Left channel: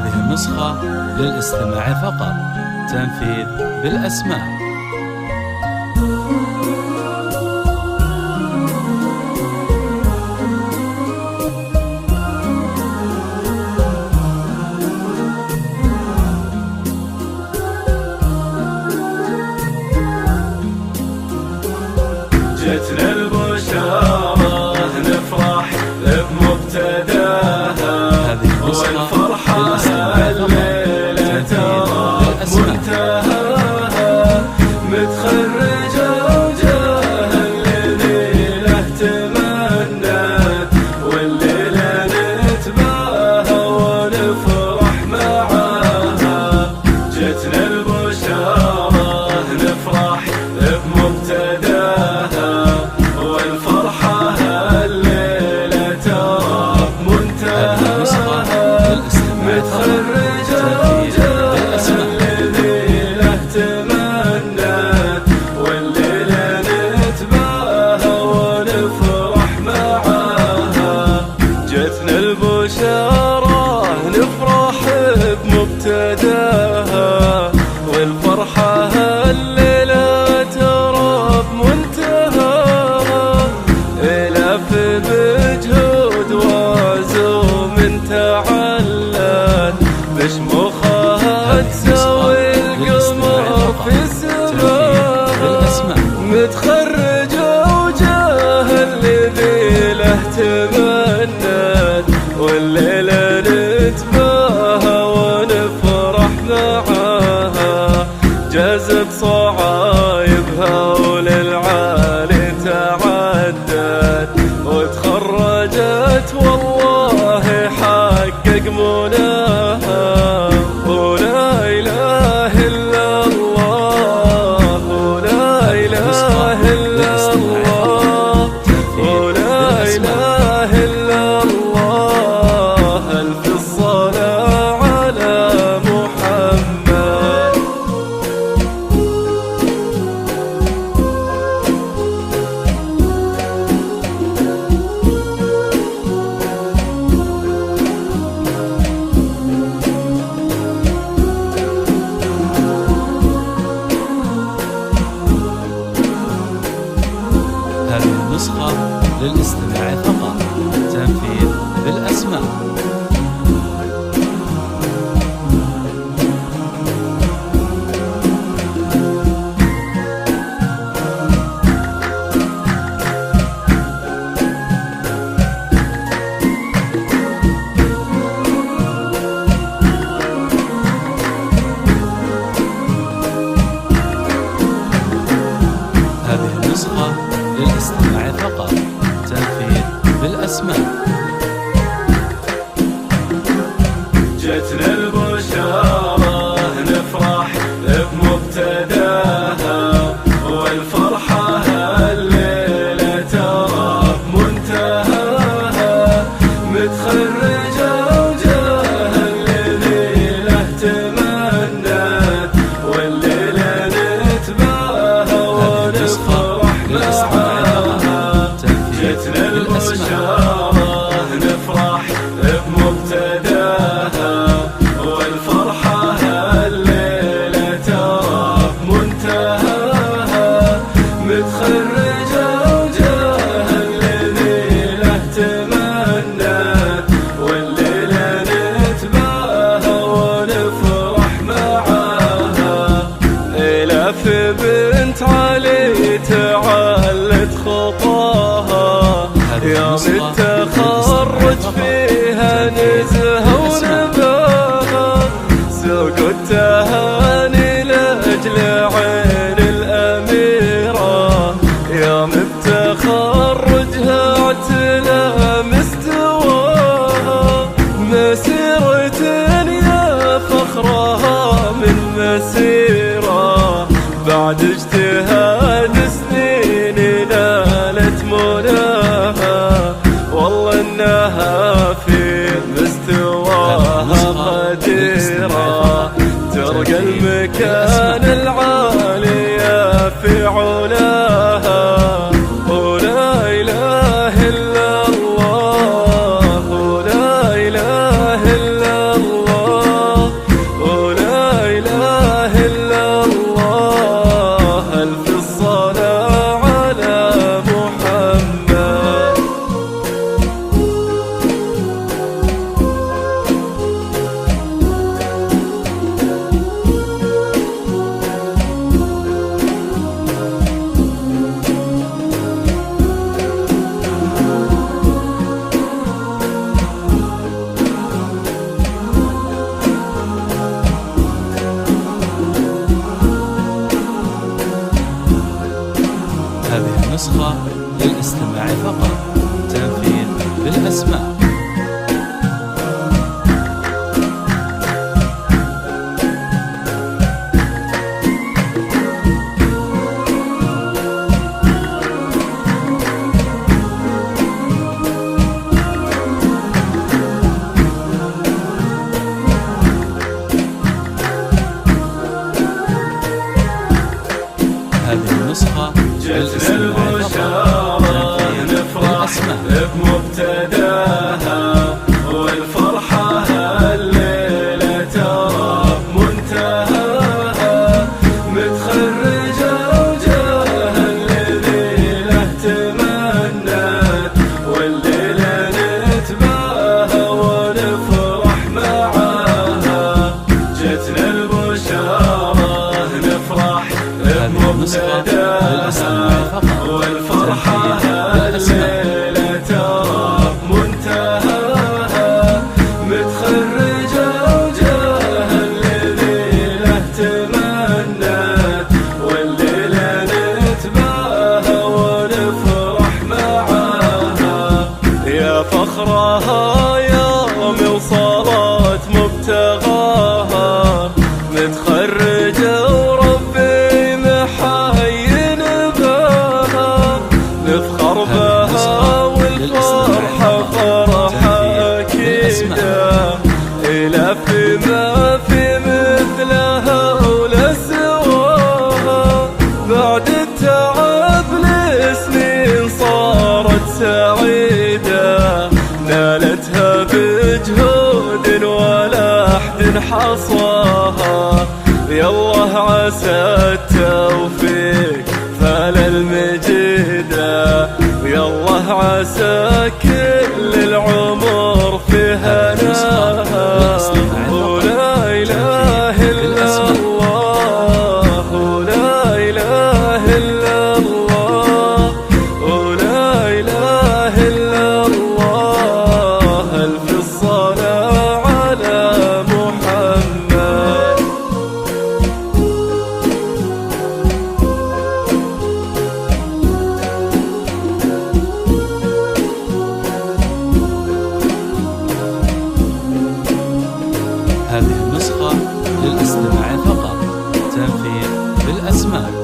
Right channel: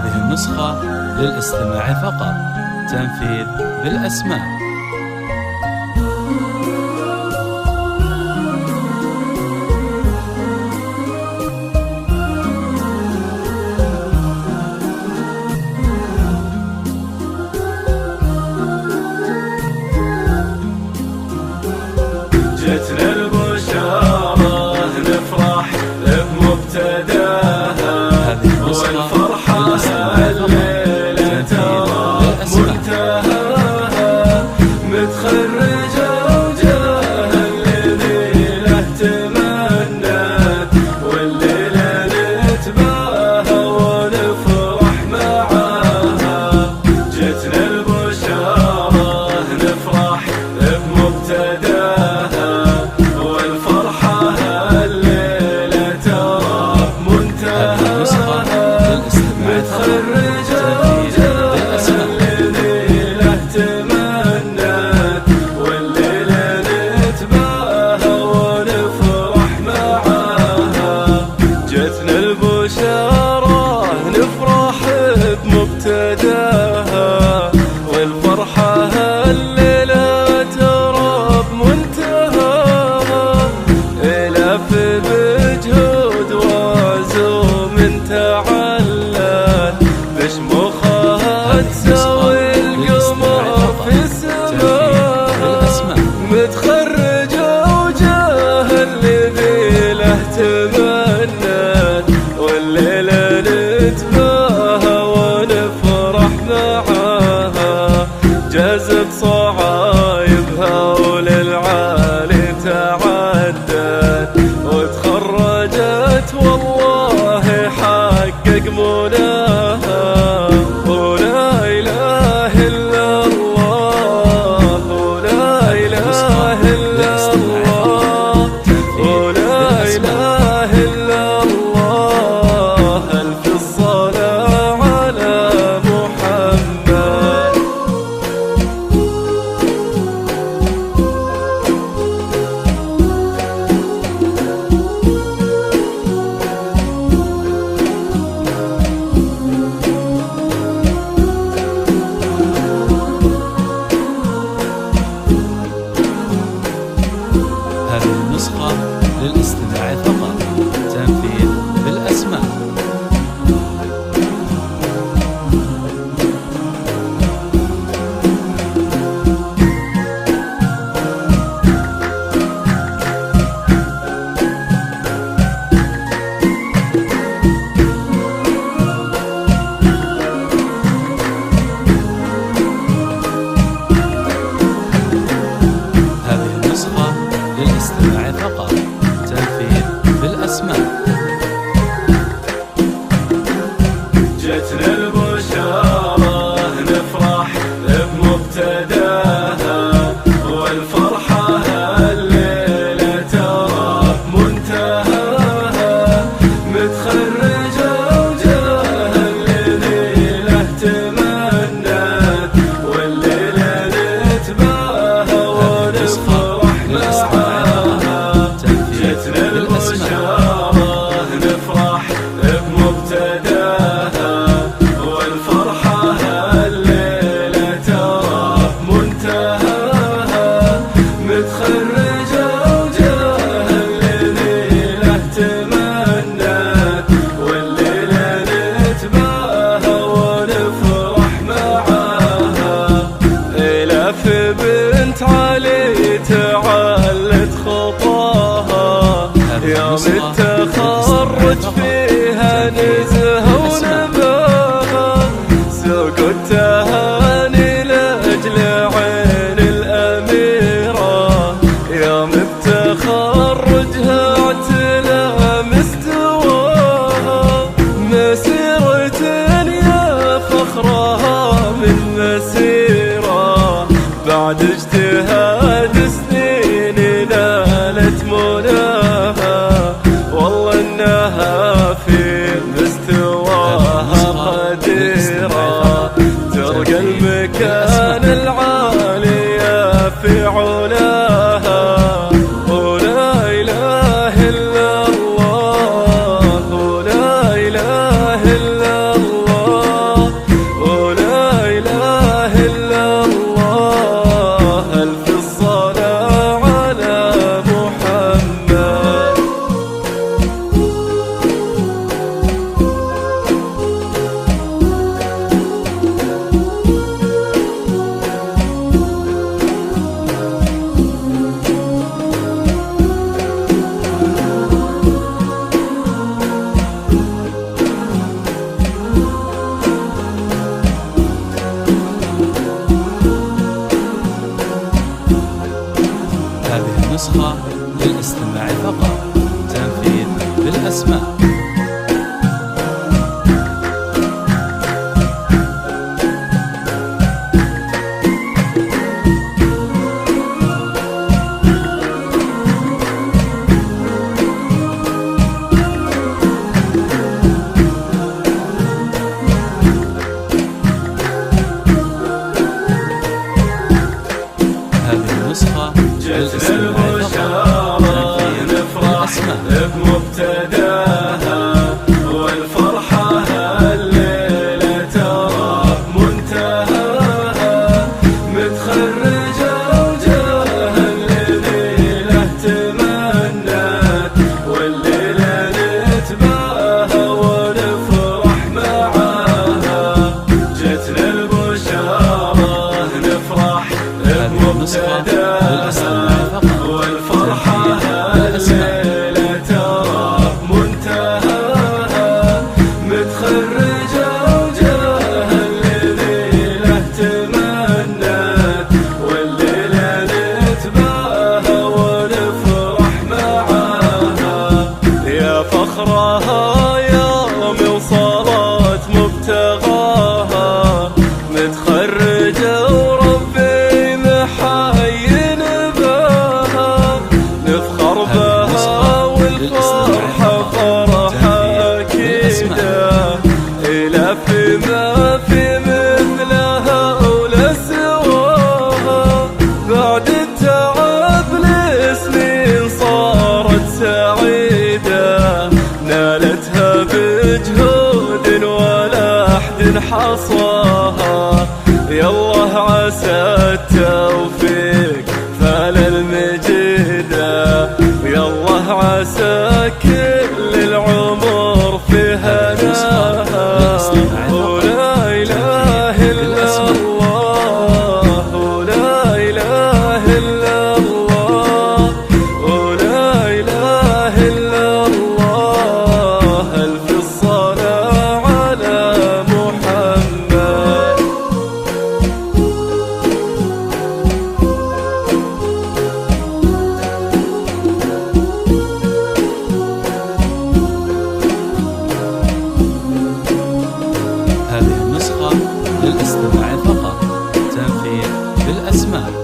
هذه النسخة للاستماع فقط. تنفيذ بالأسماء. هذه النسخة للاستماع فقط. تنفيذ بالأسماء. هذه النسخة للاستماع فقط. تنفيذ بالأسماء. للاستماع فقط. تنفيذ بالأسماء. متخرج وجاهل ليلة تمنى والليلة نتباهى ونفرح معاها جذب صعايبها وللعالي تعدت وتخرجت والله حقق مناها ولا إله إلا هذه النسخة للاستماع فقط. تنفيذ بالأسماء. هذه النسخة للاستماع فقط. تنفيذ بالأسماء. هذه النسخة للاستماع فقط. تنفيذ بالأسماء. جتنا البشارة نفرح بمبتداها والفرحة الليلة ترى منتهاها متخرجة وجاهل ليلة تمنى والليلة نتباهى. هذه النسخة للاستماع فقط. تنفيذ بالأسماء. هذه النسخة للاستماع فقط. تنفيذ بالأسماء. سوق التهاني لأجل عين الأميرة يوم بتخرجها اعتنى مستواها مسيرة يا فخرها من مسيرة بعد اجتهاد سنين نالت مناها والله انها في مستوى. النسخة للاستماع فقط. تنفيذ بالأسماء. هذه النسخة للاستماع فقط. تنفيذ بالأسماء. هذه النسخة للاستماع فقط. تنفيذ بالأسماء. للاستماع فقط. تنفيذ بالأسماء. نسخة للاستماع فقط. تنفيذ بالأسماء. هذه النسخة للاستماع فقط. تنفيذ بالأسماء.